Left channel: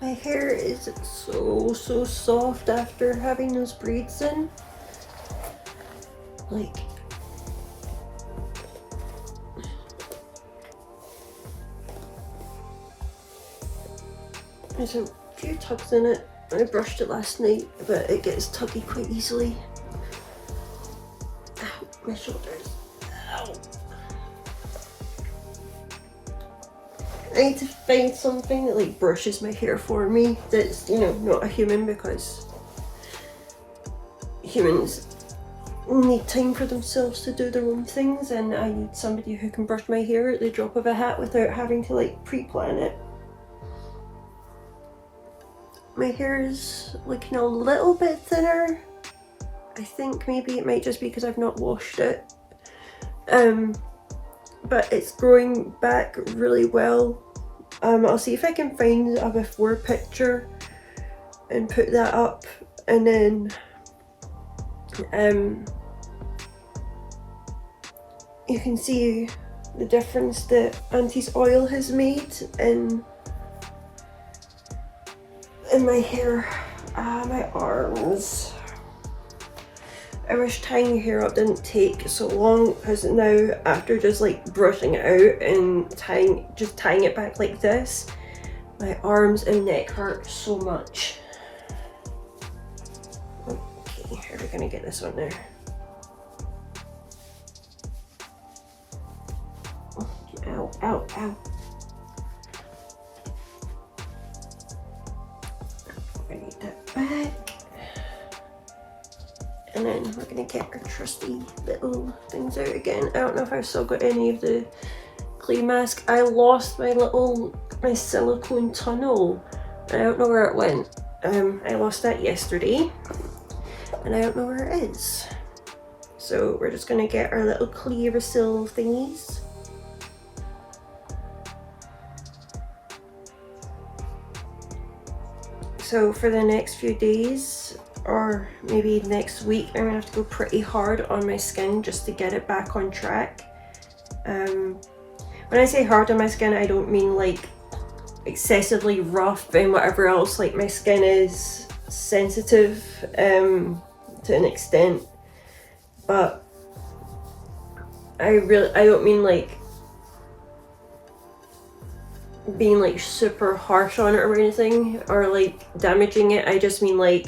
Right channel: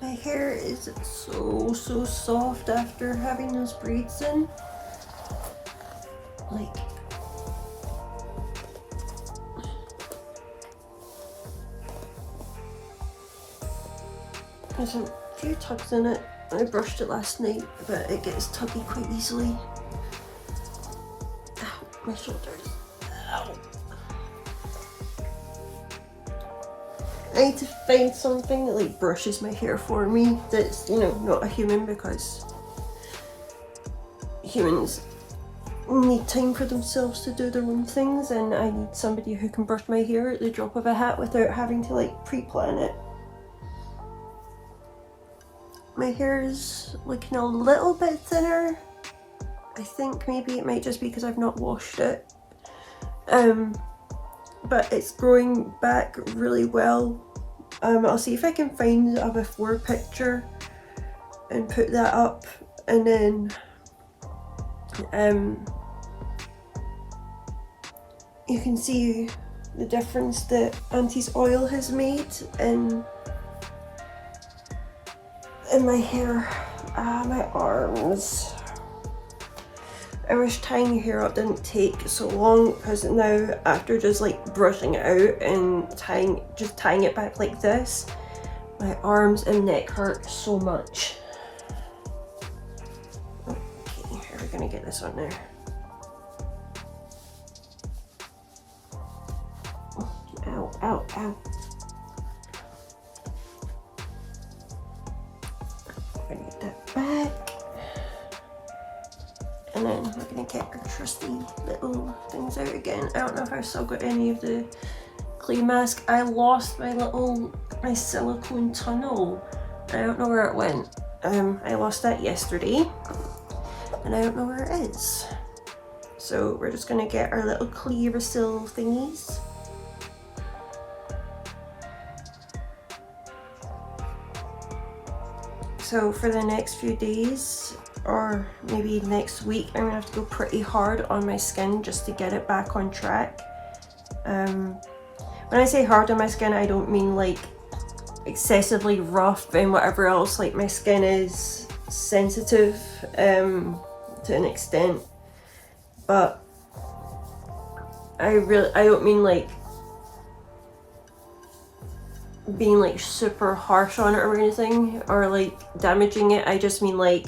My hair is so soft after having those braids in. Like, there's a few tugs in it. I brushed it last night, but it gets tuggy quite easily. Ow, my shoulders. Ow. I need to find something that like brushes my hair for me that's, you know, not a human, because humans need time for themselves to do their own things, and I need somebody who can brush my hair at the drop of a hat without having to like pre-plan it. My hair is looking a little bit thinner. I think maybe it might just be because I've not washed it. But it's growing back really well. I'll see if I can find a before picture and put that up, and then you can see the difference that Auntie's oil has made in my hair. My arms. I wish tying your hair up didn't take so long, because now after just like brushing it out and just tying it back like this, my arms and neck hurt so much. Okay, how are we gonna get this on there? Ow, ow, ow. I need that back. And then we're gonna get our trusty little things out again. I don't know if I've still got any of the clay mask. I lost my silicone tunnel. I don't know where it went. I lost that yesterday, and I don't know where it is. So we're just gonna get our little Clearasil thingies. So for the next few days, or maybe next week, I'm gonna have to go pretty hard on my skin just to get it back on track. When I say hard on my skin, I don't mean like excessively rough and whatever else. Like, my skin is sensitive to an extent, but I don't mean like being like super harsh on it or anything, or like damaging it. I just mean like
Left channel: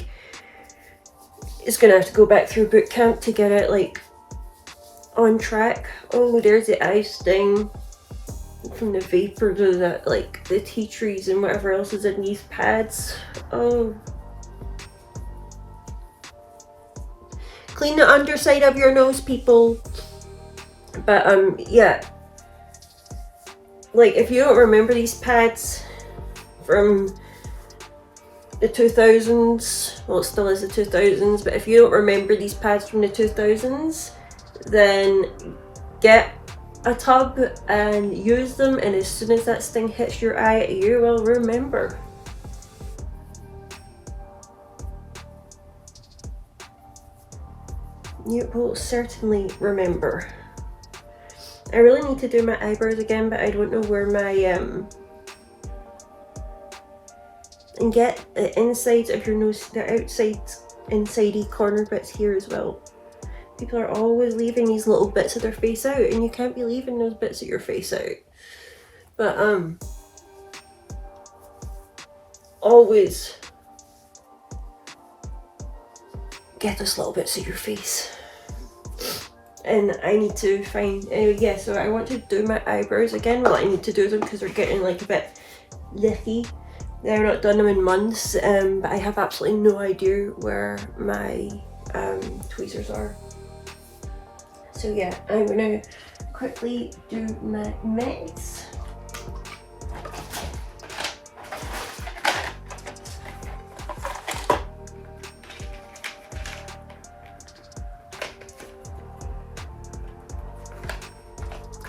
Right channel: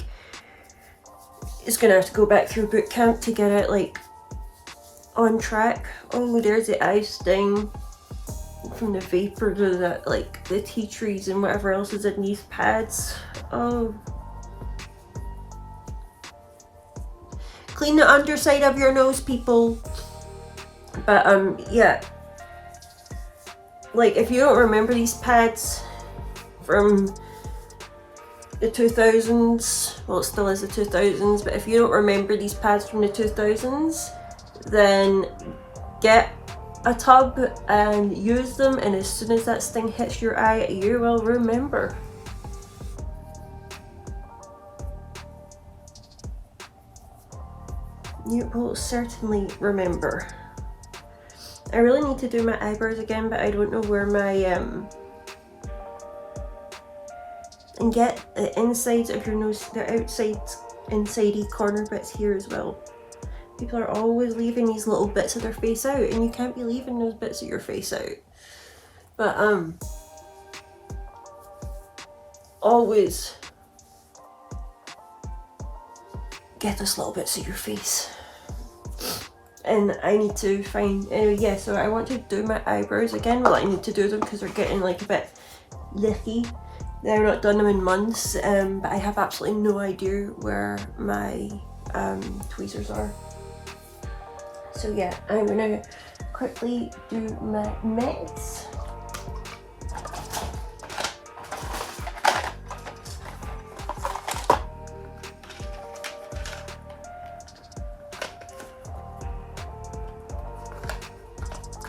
it's gonna have to go back through boot camp to get it like on track. Oh, there's the eye sting from the vapor to the like the tea trees and whatever else is in these pads. Oh, clean the underside of your nose, people. But yeah, like, if you don't remember these pads from the 2000s, well, it still is the 2000s, but if you don't remember these pads from the 2000s, then get a tub and use them, and as soon as that sting hits your eye, you will remember. You will certainly remember. I really need to do my eyebrows again, but I don't know where my and get the insides of your nose, the insidey corner bits here as well. People are always leaving these little bits of their face out, and you can't be leaving those bits of your face out. But always get those little bits of your face. And I need to find, yeah, so I want to do my eyebrows again. Well, I need to do them because they're getting like a bit lithy. I've not done them in months, but I have absolutely no idea where my tweezers are. So yeah, I'm gonna quickly do my mix.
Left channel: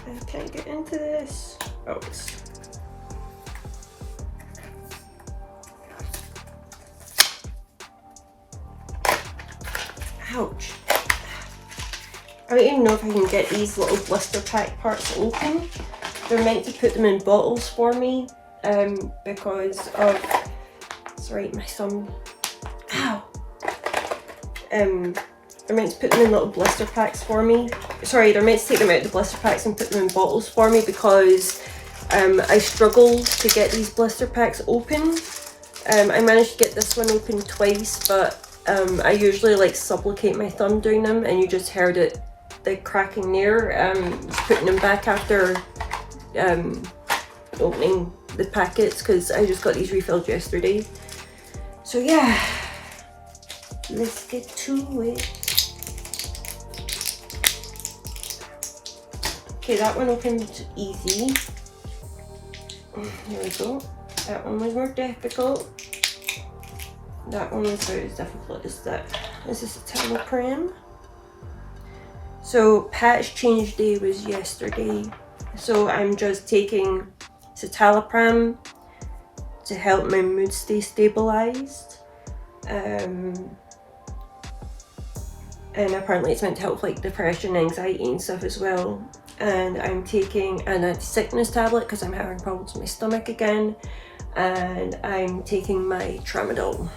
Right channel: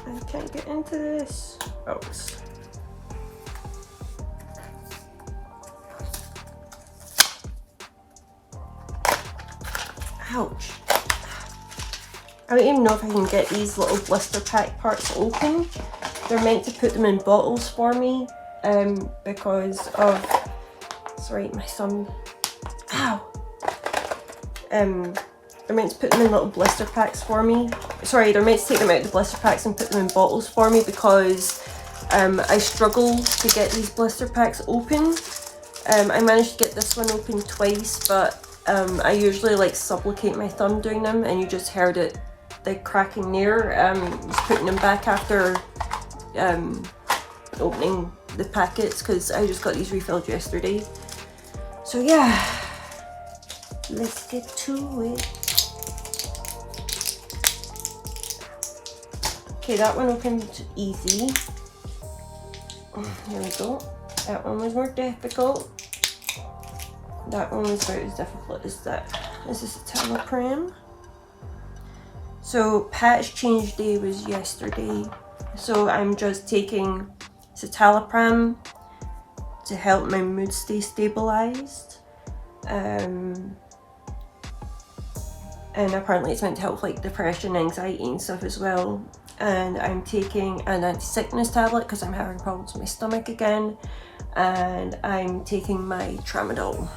I can't get into this. Oh, ouch. I don't even know if I can get these little blister pack parts open. They're meant to put them in bottles for me because of Sorry, my thumb. Ow! They're meant to put them in little blister packs for me. Sorry, they're meant to take them out of the blister packs and put them in bottles for me because I struggle to get these blister packs open. I managed to get this one open twice, but I usually like supplicate my thumb doing them, and you just heard it, the cracking there. Just putting them back after opening the packets because I just got these refilled yesterday. So yeah, let's get to it. Okay, that one opened easy. There we go. That one was more difficult. That one was about as difficult as that. This is acne-prone. So patch change day was yesterday. So I'm just taking citalopram to help my mood stay stabilized. And apparently it's meant to help like depression, anxiety and stuff as well. And I'm taking an anti-sickness tablet because I'm having problems with my stomach again. And I'm taking my tramadol.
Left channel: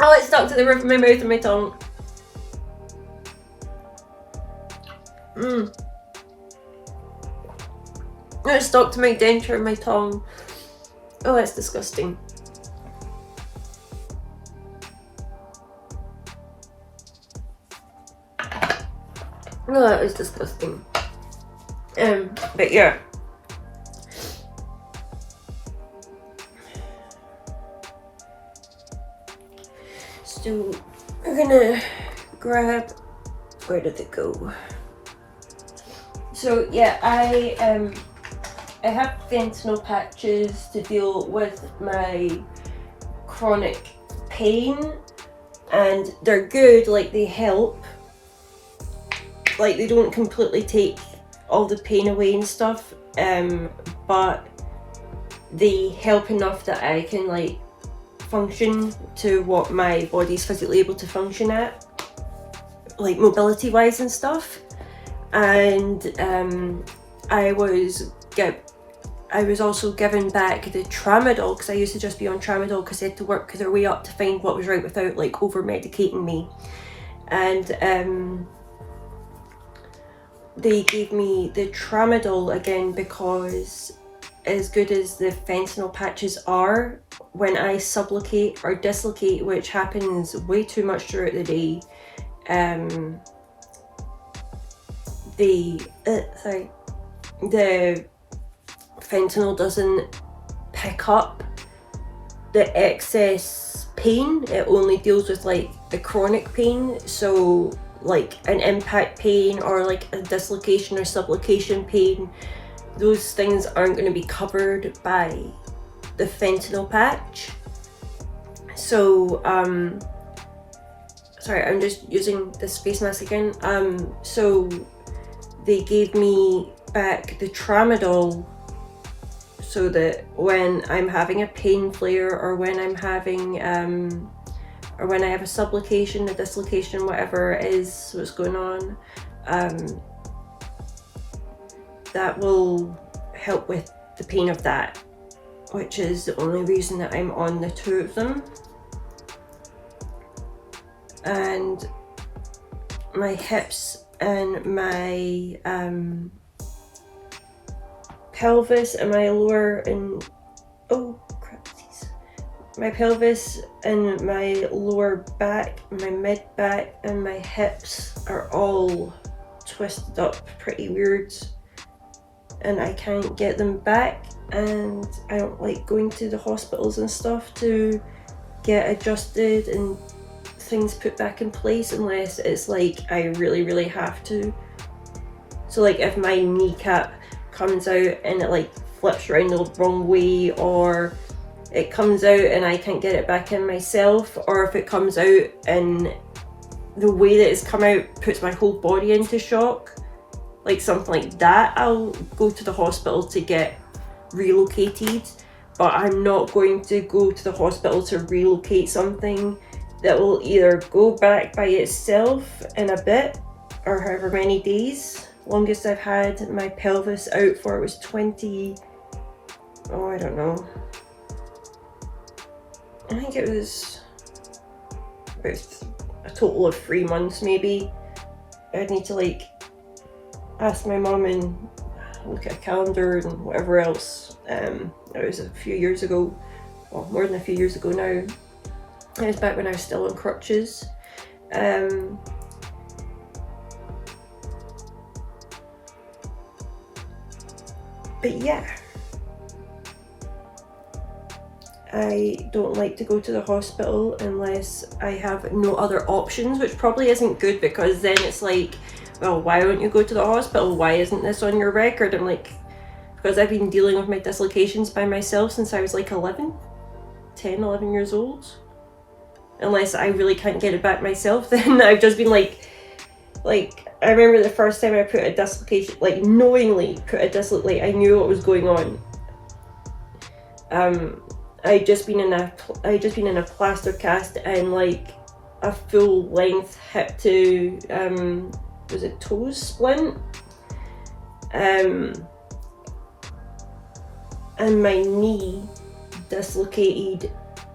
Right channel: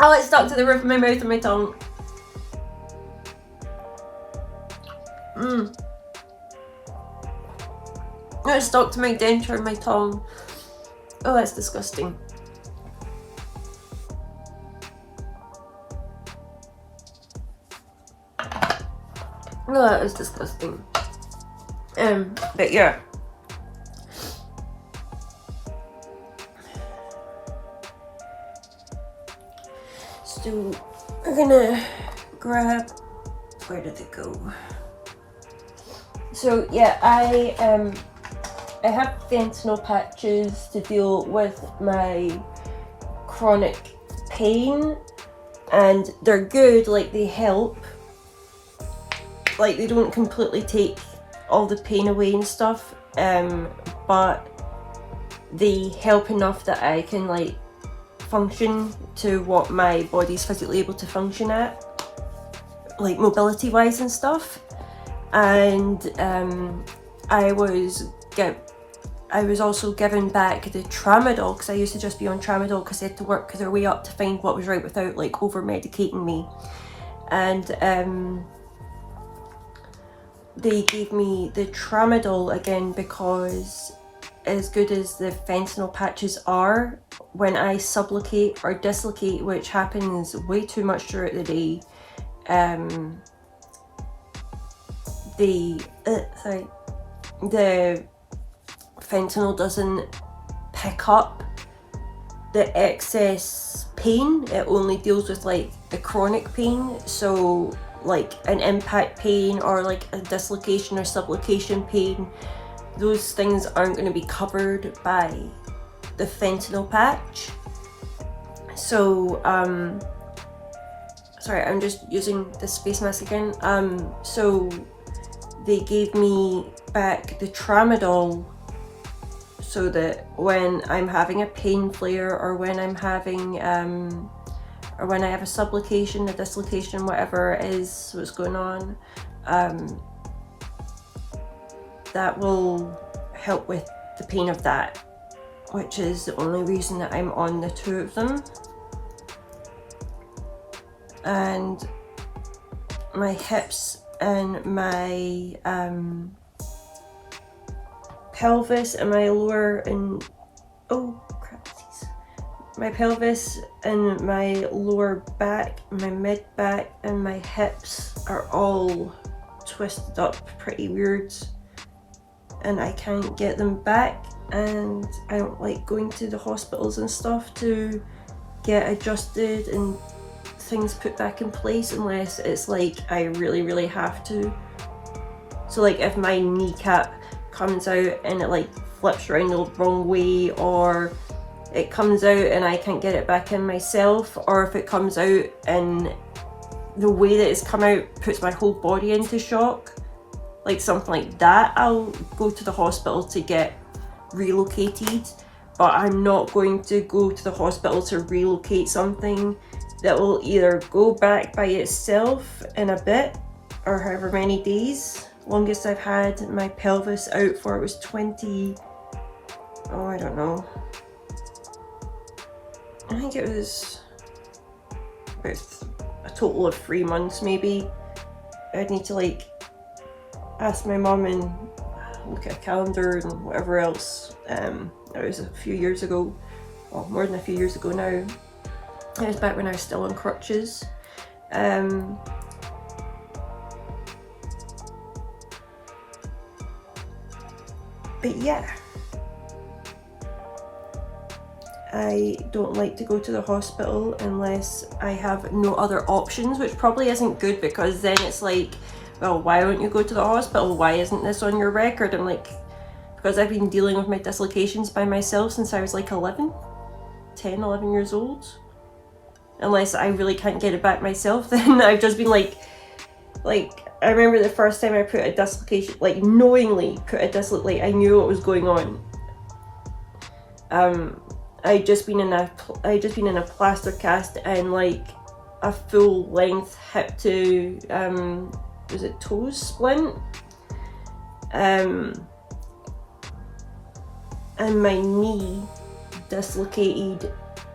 Oh, it's stuck to the roof of my mouth and my tongue. It's stuck to my denture and my tongue. Oh, that's disgusting. Oh, that was disgusting. But yeah. So I'm gonna grab, where did it go? So yeah, I have fentanyl patches to deal with my chronic pain, and they're good, like they help. Like they don't completely take all the pain away and stuff, but they help enough that I can like function to what my body's physically able to function at, like mobility wise and stuff. And I was also given back the tramadol because I used to just be on tramadol because I had to work their way up to find what was right without like over medicating me. And they gave me the tramadol again because, as good as the fentanyl patches are, when I supplicate or dislocate, which happens way too much throughout the day, the fentanyl doesn't pick up the excess pain. It only deals with like the chronic pain. So like an impact pain or like a dislocation or subluxation pain, those things aren't going to be covered by the fentanyl patch. So sorry, I'm just using this face mask again. So they gave me back the tramadol so that when I'm having a pain flare or when I'm having or when I have a subluxation, a dislocation, whatever it is what's going on, that will help with the pain of that, which is the only reason that I'm on the two of them. And my hips and my pelvis and my lower and my pelvis and my lower back, my mid back and my hips are all twisted up pretty weird, and I can't get them back, and I don't like going to the hospitals and stuff to get adjusted and things put back in place unless it's like I really have to. So like if my kneecap comes out and it like flips around the wrong way, or it comes out and I can't get it back in myself, or if it comes out and the way that it's come out puts my whole body into shock, like something like that, I'll go to the hospital to get relocated. But I'm not going to go to the hospital to relocate something that will either go back by itself in a bit or however many days, longest I've had my pelvis out for was 20, oh, I don't know. I think it was about a total of 3 months maybe. I'd need to like ask my mum and look at a calendar and whatever else. It was a few years ago, well, more than a few years ago now. It was back when I was still on crutches. But yeah, I don't like to go to the hospital unless I have no other options, which probably isn't good, because then it's like, well, why don't you go to the hospital? Why isn't this on your record? I'm like, because I've been dealing with my dislocations by myself since I was like 11 years old. Unless I really can't get it back myself, then I've just been like I remember the first time I put a dislocation, like knowingly put a dislocation, like I knew what was going on. I'd just been in a plaster cast and like a full length hip to was it toe splint, and my knee dislocated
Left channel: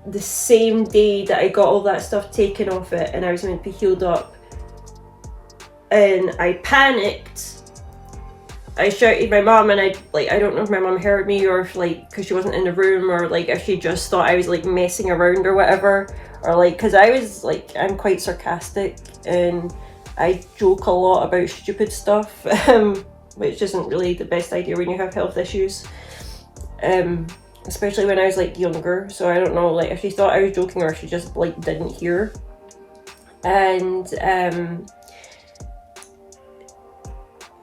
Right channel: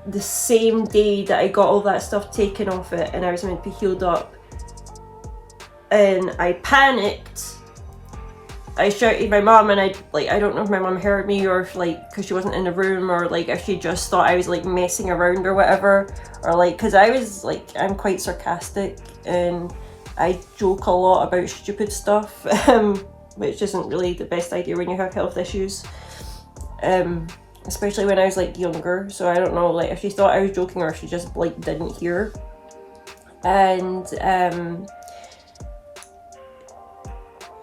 the same day that I got all that stuff taken off it, and I was meant to be healed up. And I panicked. I shouted my mom, and I don't know if my mom heard me, or if like, because she wasn't in the room, or like if she just thought I was like messing around or whatever, or like, because I was like, I'm quite sarcastic and I joke a lot about stupid stuff, which isn't really the best idea when you have health issues, especially when I was like younger. So I don't know, like if she thought I was joking or if she just like didn't hear. And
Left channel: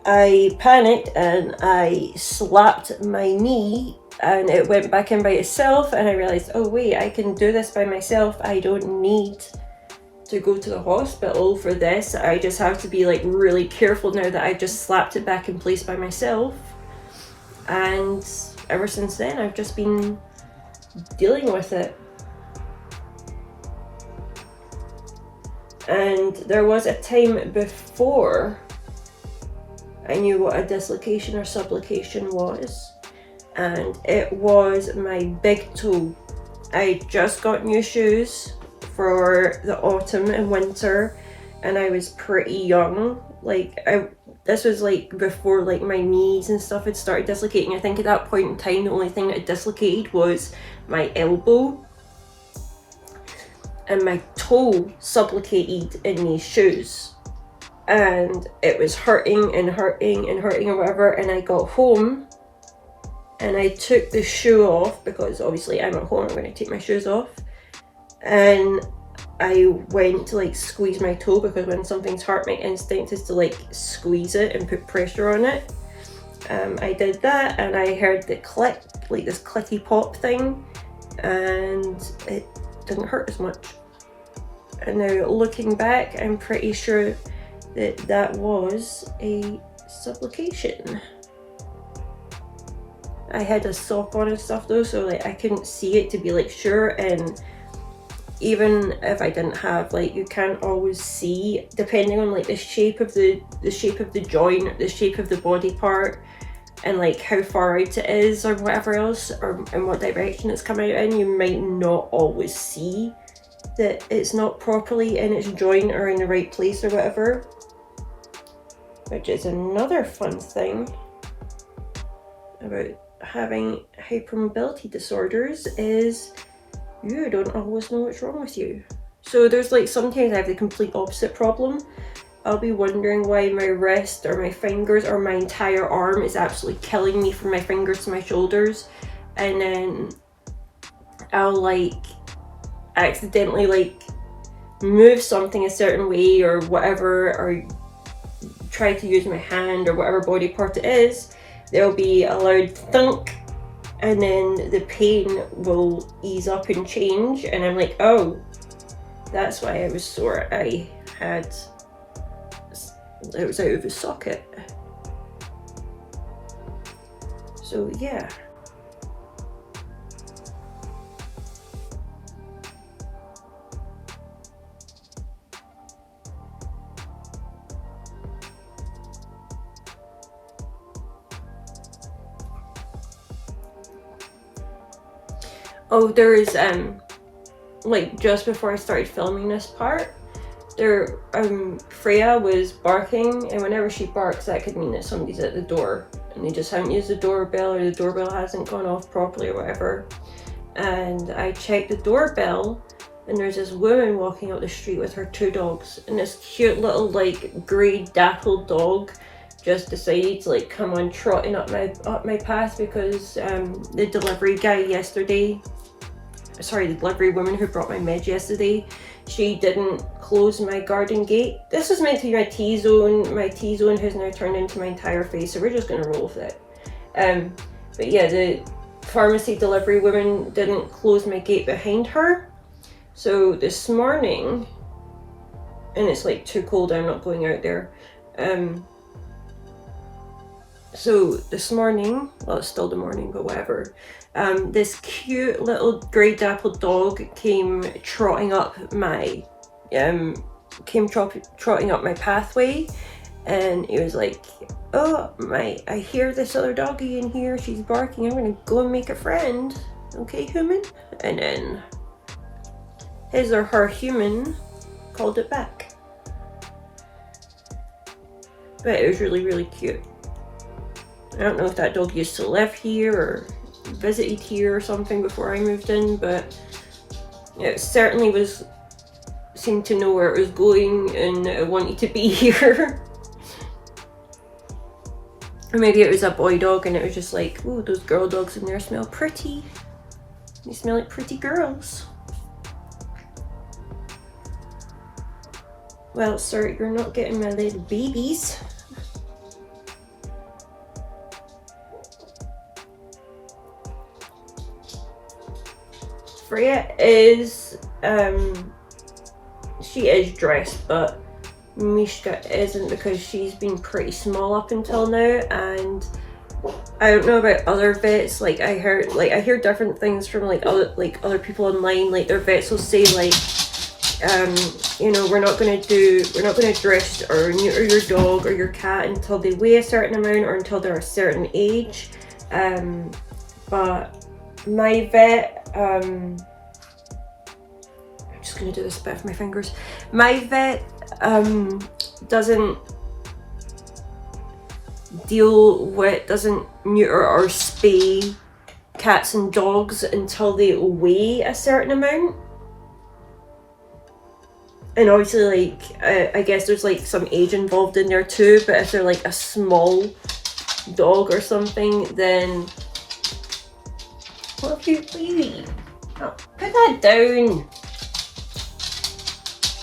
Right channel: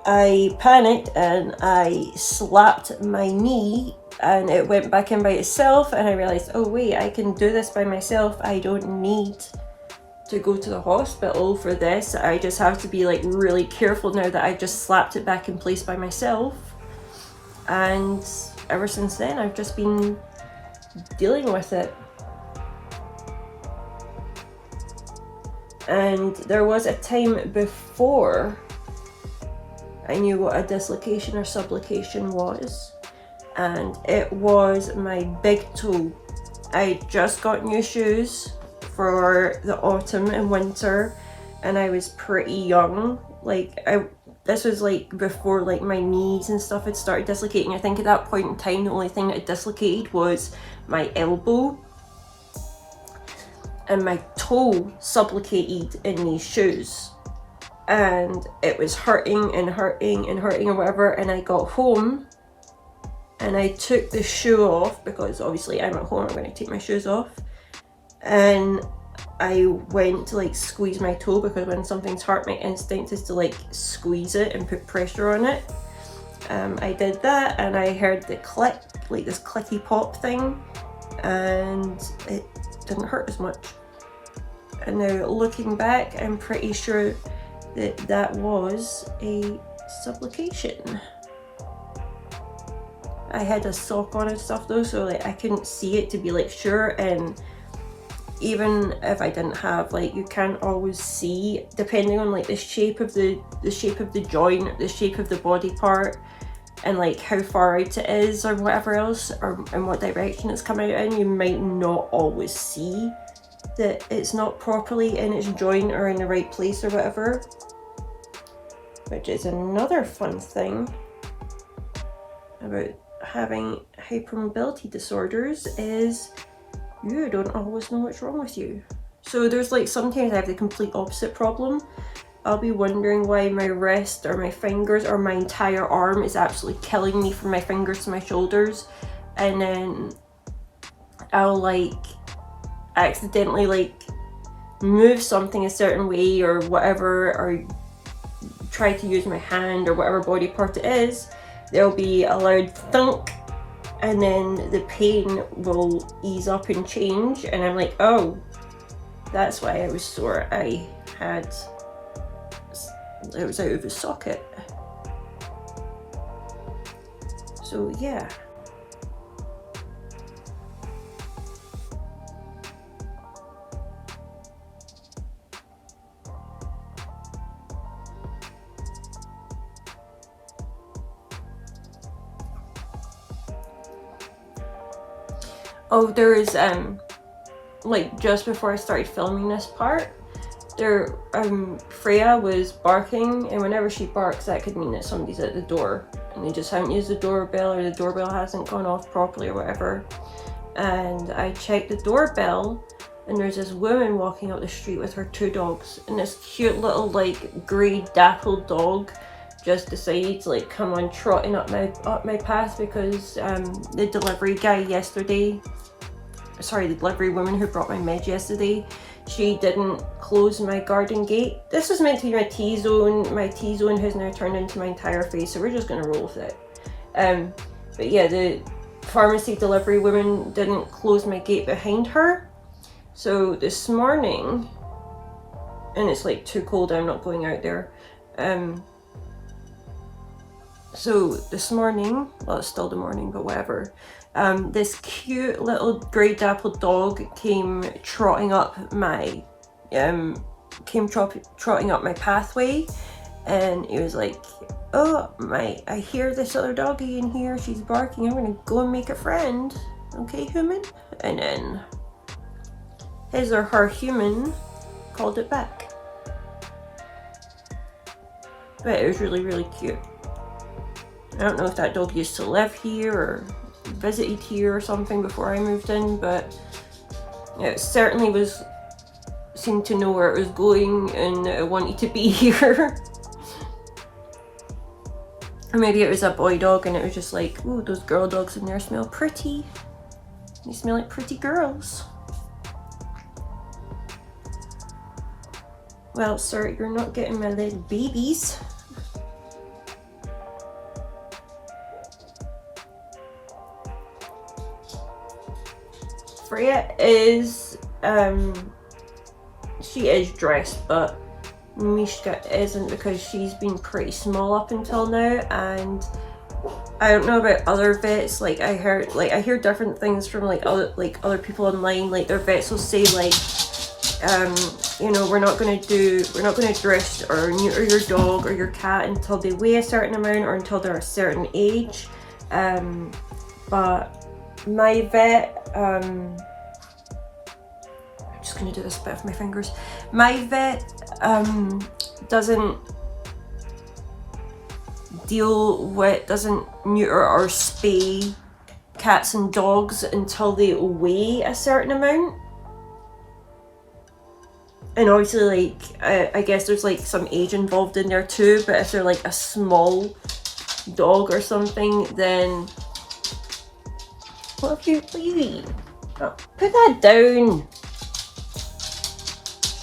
I panicked and I slapped my knee, and it went back in by itself, and I realized, oh wait, I can do this by myself. I don't need to go to the hospital for this. I just have to be like really careful now that I just slapped it back in place by myself. And ever since then, I've just been dealing with it. And there was a time before I knew what a dislocation or subluxation was, and it was my big toe. I just got new shoes for the autumn and winter, and I was pretty young. Like this was like before like my knees and stuff had started dislocating. I think at that point in time the only thing that had dislocated was my elbow, and my toe subluxated in these shoes. And it was hurting and hurting and hurting or whatever, and I got home and I took the shoe off, because obviously I'm at home, I'm going to take my shoes off, and I went to like squeeze my toe, because when something's hurt, my instinct is to like squeeze it and put pressure on it. I did that, and I heard the click, like this clicky pop thing, and it didn't hurt as much. And now looking back, I'm pretty sure that was a subluxation. I had a sock on and stuff though, so like I couldn't see it to be like sure, and even if I didn't have, like, you can't always see, depending on like the shape of the joint, the shape of the body part, and like how far out it is or whatever else, or in what direction it's coming out in, you might not always see that it's not properly in its joint or in the right place or whatever. Which is another fun thing about having hypermobility disorders, is you don't always know what's wrong with you. So there's like, sometimes I have the complete opposite problem. I'll be wondering why my wrist or my fingers or my entire arm is absolutely killing me from my fingers to my shoulders, and then I'll like accidentally like move something a certain way or whatever, or try to use my hand or whatever body part it is, there'll be a loud thunk, and then the pain will ease up and change, and I'm like, oh, that's why I was sore. It was out of the socket. So yeah. Oh, there is like just before I started filming this part, there Freya was barking, and whenever she barks, that could mean that somebody's at the door, and they just haven't used the doorbell, or the doorbell hasn't gone off properly or whatever. And I checked the doorbell, and there's this woman walking up the street with her 2 dogs, and this cute little like grey dappled dog just decided to like come on trotting up my path, because the delivery guy yesterday, sorry, the delivery woman who brought my meds yesterday, she didn't close my garden gate. This was meant to be my T-zone. My T-zone has now turned into my entire face, so we're just gonna roll with it. But yeah, the pharmacy delivery woman didn't close my gate behind her. So this morning, and it's like too cold, I'm not going out there. So this morning, well, it's still the morning, but whatever. This cute little grey dappled dog came trotting up my trotting up my pathway, and it was like, oh I hear this other doggy in here, she's barking, I'm gonna go and make a friend, okay human? And then his or her human called it back. But it was really, really cute. I don't know if that dog used to live here or visited here or something before I moved in, but it certainly seemed to know where it was going, and it wanted to be here. Or maybe it was a boy dog, and it was just like, ooh, those girl dogs in there smell pretty. They smell like pretty girls. Well, sir, you're not getting my little babies. Freya is, she is dressed, but Mishka isn't, because she's been pretty small up until now, and I don't know about other vets. Like I hear different things from other people online. Like their vets will say like, you know, we're not gonna dress or neuter your dog or your cat until they weigh a certain amount or until they're a certain age. But my vet, I'm just gonna do this bit with my fingers. My vet doesn't neuter or spay cats and dogs until they weigh a certain amount. And obviously, like, I guess there's like some age involved in there too, but if they're like a small dog or something, then what have you, baby? Oh, put that down.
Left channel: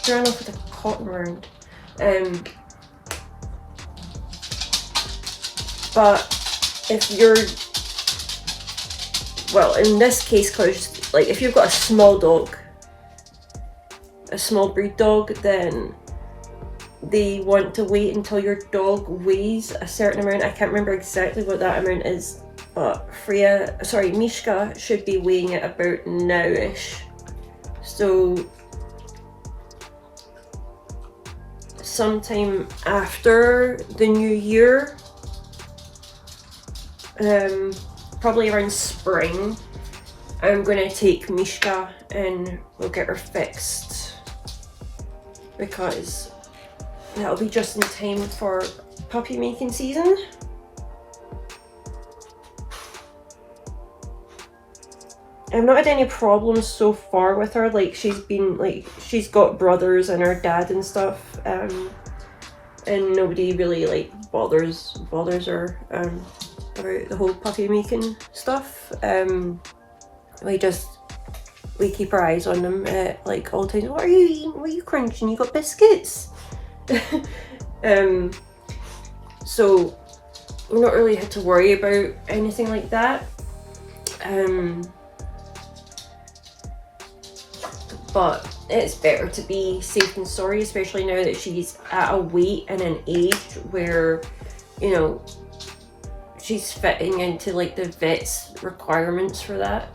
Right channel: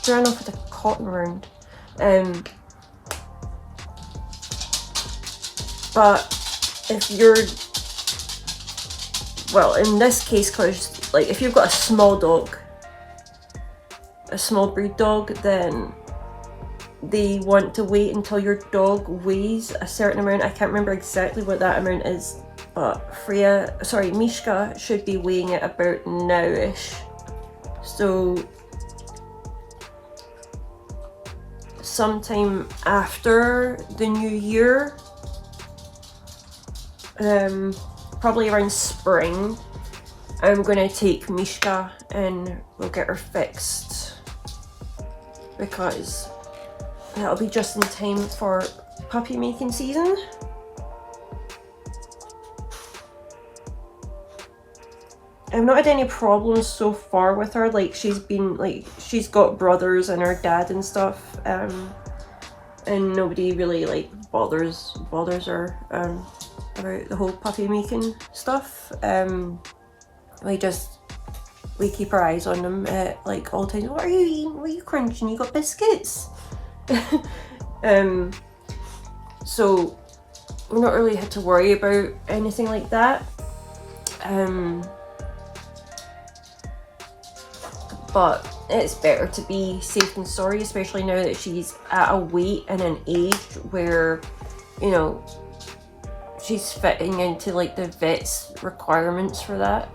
Ran off with a cotton round. But if you're, well, in this case, cause like if you've got a small dog, a small breed dog, then they want to wait until your dog weighs a certain amount. I can't remember exactly what that amount is, but Mishka should be weighing it about now-ish. So sometime after the new year, probably around spring, I'm gonna take Mishka and we'll get her fixed, because that'll be just in time for puppy making season. I've not had any problems so far with her. Like she's got brothers and her dad and stuff, and nobody really like bothers her about the whole puppy making stuff. We keep our eyes on them at like all times. What are you eating? What are you crunching? You got biscuits? So we've not really had to worry about anything like that. But it's better to be safe than sorry, especially now that she's at a weight and an age where, you know, she's fitting into like the vet's requirements for that.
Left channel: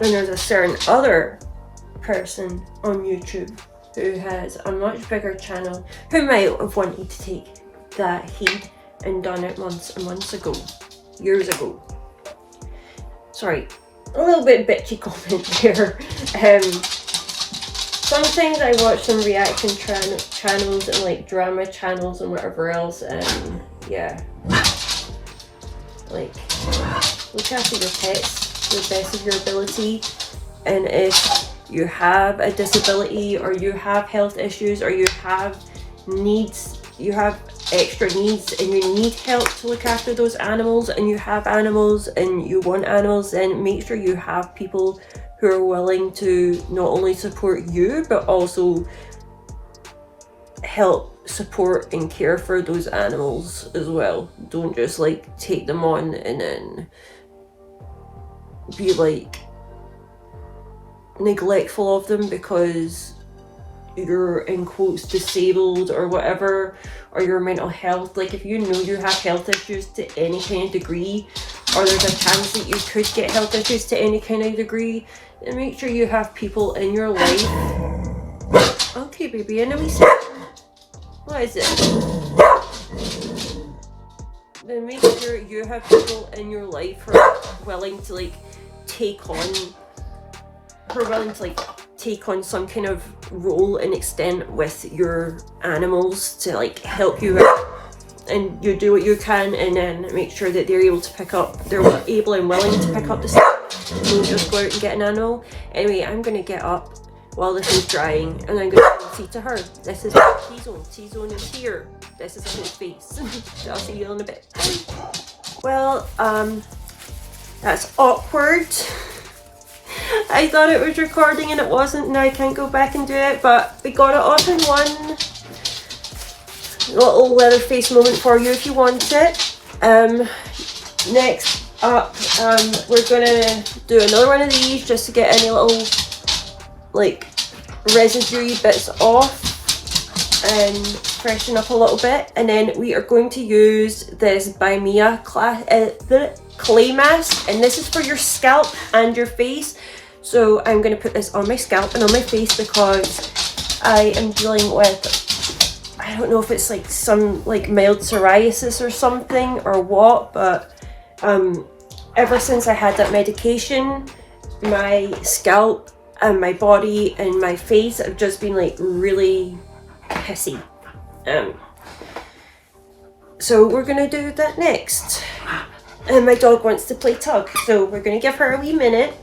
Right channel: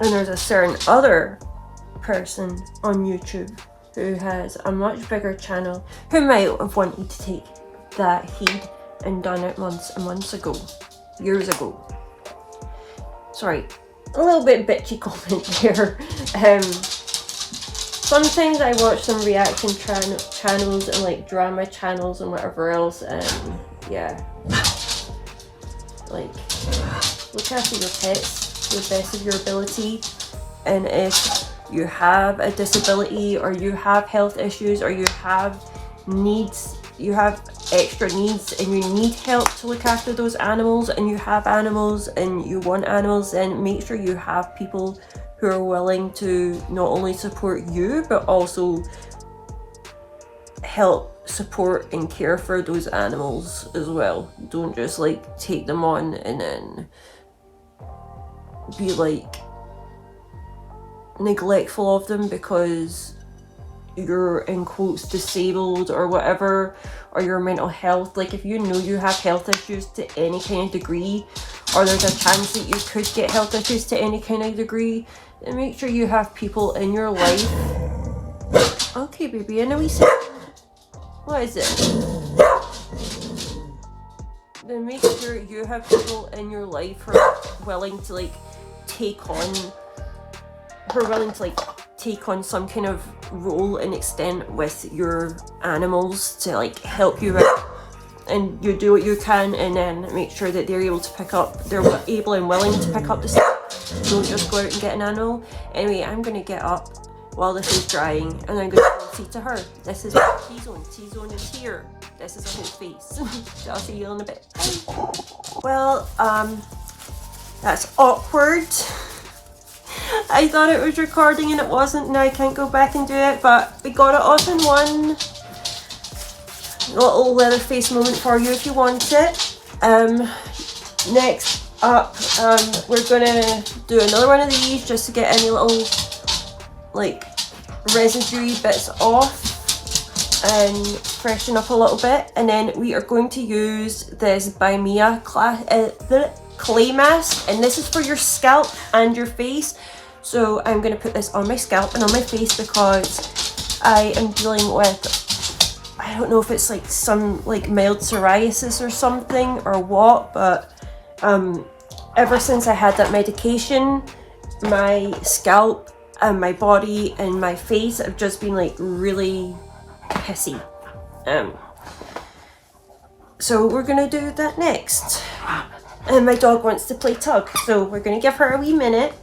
And there's a certain other person on YouTube who has a much bigger channel, who might have wanted to take that heed and done it months and months ago, years ago. Sorry, a little bit bitchy comment there. Sometimes I watch some reaction channels and like drama channels and whatever else, and yeah, like, look after your pets to the best of your ability. And if you have a disability, or you have health issues, or you have needs, you have extra needs and you need help to look after those animals, and you have animals and you want animals, then make sure you have people who are willing to not only support you but also help support and care for those animals as well. Don't just like take them on and then be like neglectful of them because you're in quotes disabled or whatever, or your mental health. Like, if you know you have health issues to any kind of degree, or there's a chance that you could get health issues to any kind of degree, then make sure you have people in your life. Okay, baby, I know we said. What is it? Then make sure you have people in your life who are willing to like take on, some kind of role and extent with your animals to like help you out, and you do what you can, and then make sure that they're able and willing to pick up the slack. Don't just go out and get an animal. Anyway, I'm gonna get up while this is drying, and I'm gonna say to her, this is my T-zone. T-zone is here. This is on his face. So I'll see you in a bit. Bye. Well, that's awkward. I thought it was recording and it wasn't. Now I can't go back and do it, but we got it off in one. Little Leatherface moment for you if you want it. Next up, we're gonna do another one of these just to get any little like residue bits off and freshen up a little bit. And then we are going to use this by Mia clay mask, and this is for your scalp and your face. So I'm going to put this on my scalp and on my face because I am dealing with, I don't know if it's like some like mild psoriasis or something or what, but ever since I had that medication, my scalp and my body and my face have just been like really pissy. So we're gonna do that next. And my dog wants to play tug, so we're gonna give her a wee minute.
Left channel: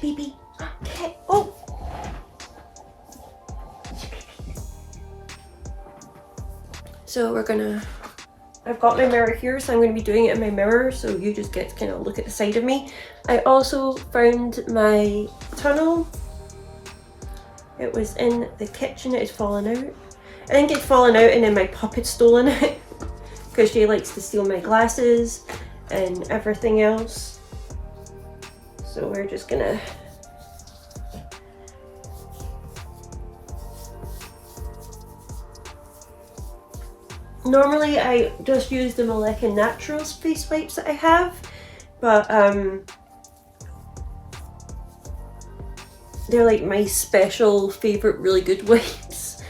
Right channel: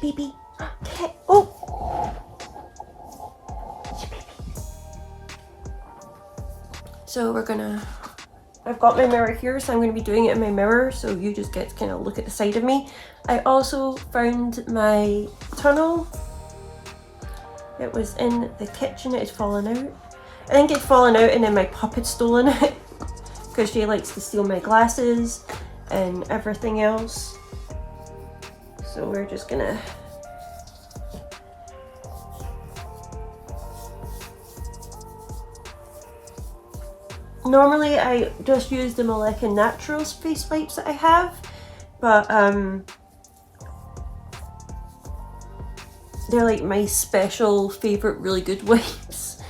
Baby. Okay. Oh. So I've got my mirror here, so I'm going to be doing it in my mirror, so you just get to kind of look at the side of me. I also found my tunnel. It was in the kitchen. It had fallen out. I think it'd fallen out and then my pup had stolen it because she likes to steal my glasses and everything else. So we're just gonna normally I just use the Maleka Naturals face wipes that I have, but they're like my special favorite really good wipes,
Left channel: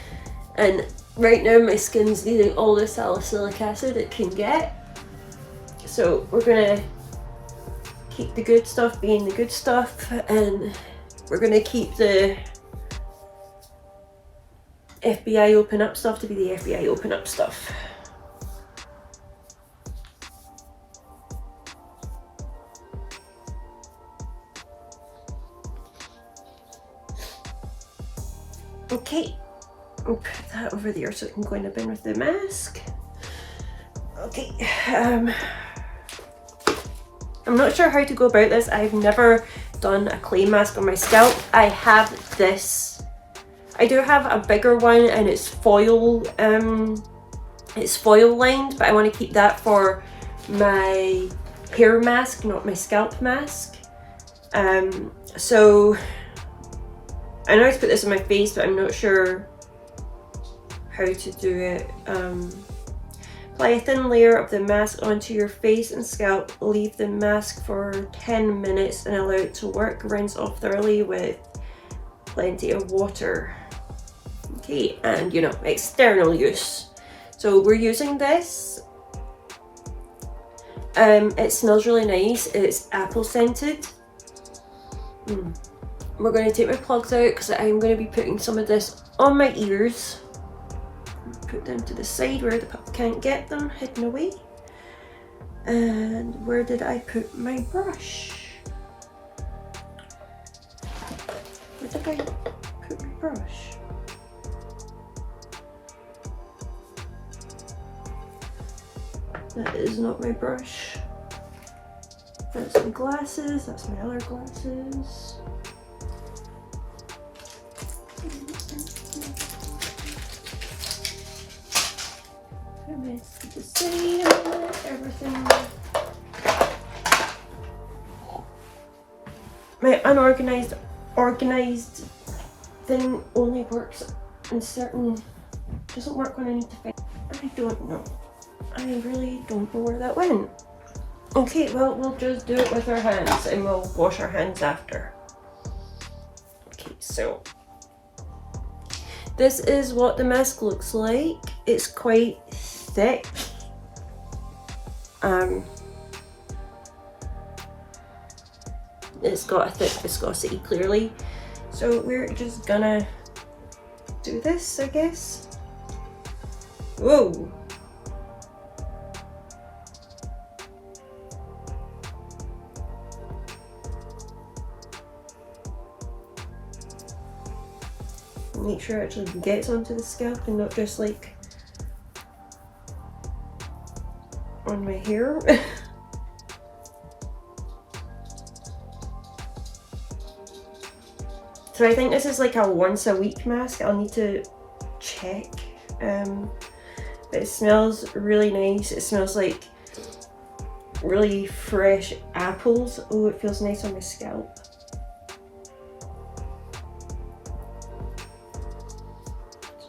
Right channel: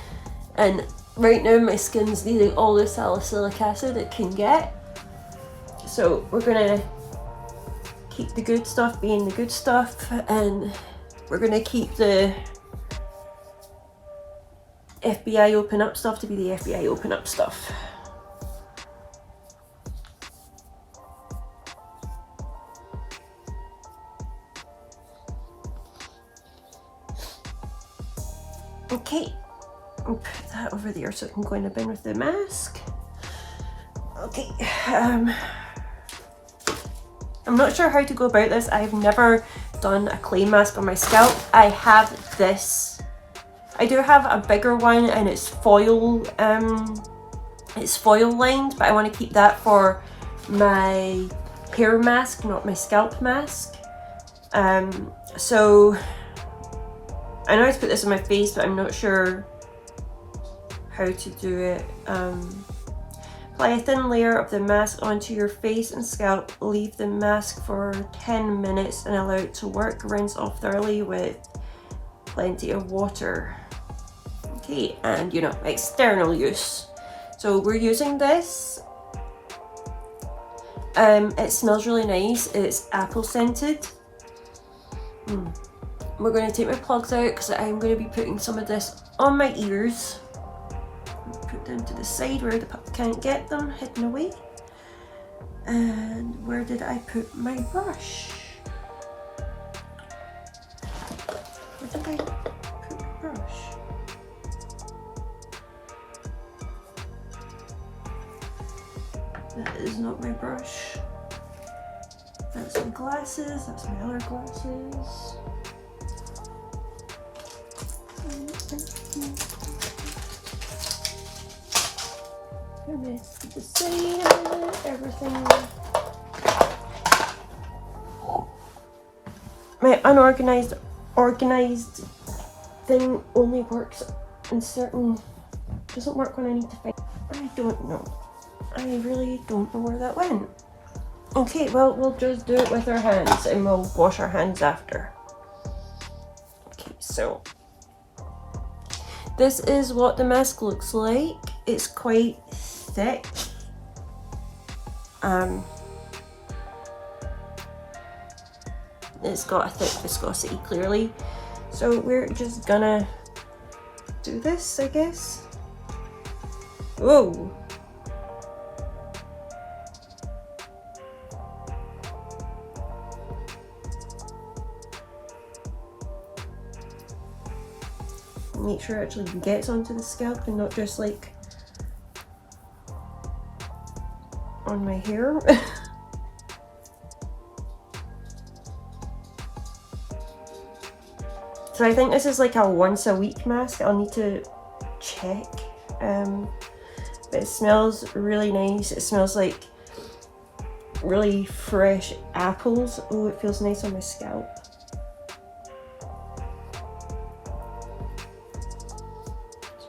and right now my skin's needing all the salicylic acid it can get, so we're gonna keep the good stuff being the good stuff, and we're gonna keep the FBI open up stuff to be the FBI open up stuff. Okay, I'll put that over there so it can go in the bin with the mask. Okay, I'm not sure how to go about this. I've never done a clay mask on my scalp. I have this. I do have a bigger one and it's foil lined, but I want to keep that for my hair mask, not my scalp mask. So I know how to put this on my face, but I'm not sure how to do it. Apply a thin layer of the mask onto your face and scalp. Leave the mask for 10 minutes and allow it to work. Rinse off thoroughly with plenty of water. Okay, and you know, external use. So we're using this. It smells really nice. It's apple scented. We're going to take my plugs out because I'm going to be putting some of this on my ears. Put them to the side where the pup can't get them, hidden away. And where did I put my brush? Where did I put my brush? That is not my brush. That's my glasses, that's my other glasses. The same, everything. My organized thing only works in certain, doesn't work when I need to find. I don't know. I really don't know where that went. Okay, well, we'll just do it with our hands and we'll wash our hands after. Okay, so this is what the mask looks like. It's quite thick. It's got a thick viscosity clearly. So we're just gonna do this, I guess. Whoa. Make sure it actually gets onto the scalp and not just like on my hair. So I think this is like a once a week mask. I'll need to check. But it smells really nice. It smells like really fresh apples. Oh, it feels nice on my scalp.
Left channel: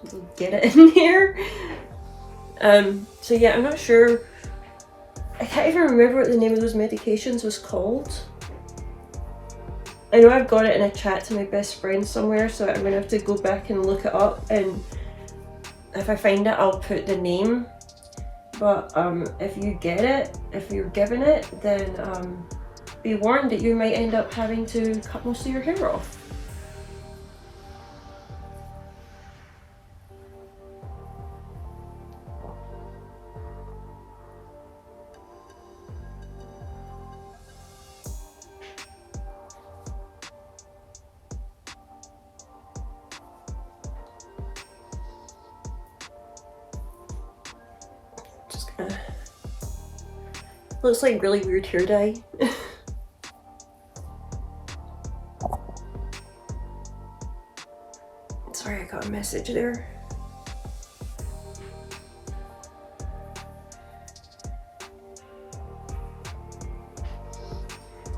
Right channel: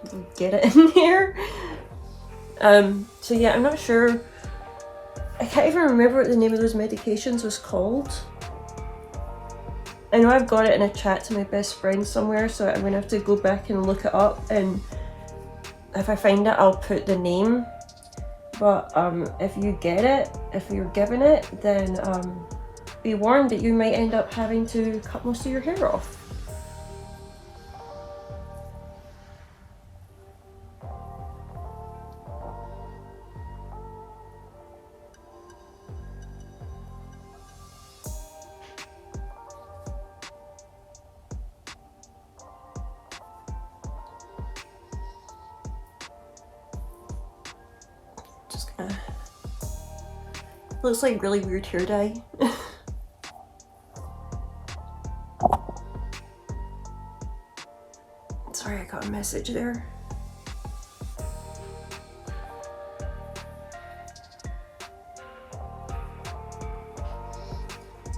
So get it in here. So yeah, I'm not sure. I can't even remember what the name of those medications was called. I know I've got it in a chat to my best friend somewhere, so I'm gonna have to go back and look it up, and if I find it, I'll put the name. But if you get it, if you're given it, then be warned that you might end up having to cut most of your hair off. Looks like really weird hair dye. Sorry, I got a message there.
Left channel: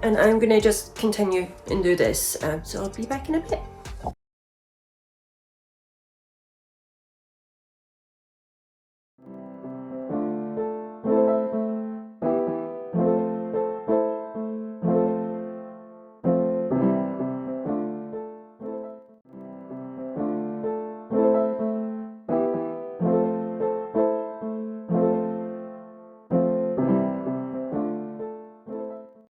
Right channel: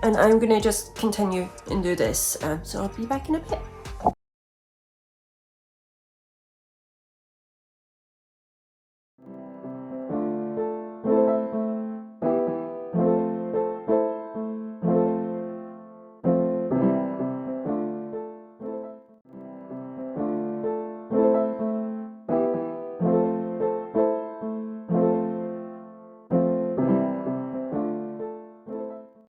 And I'm gonna just continue and do this, so I'll be back in a bit.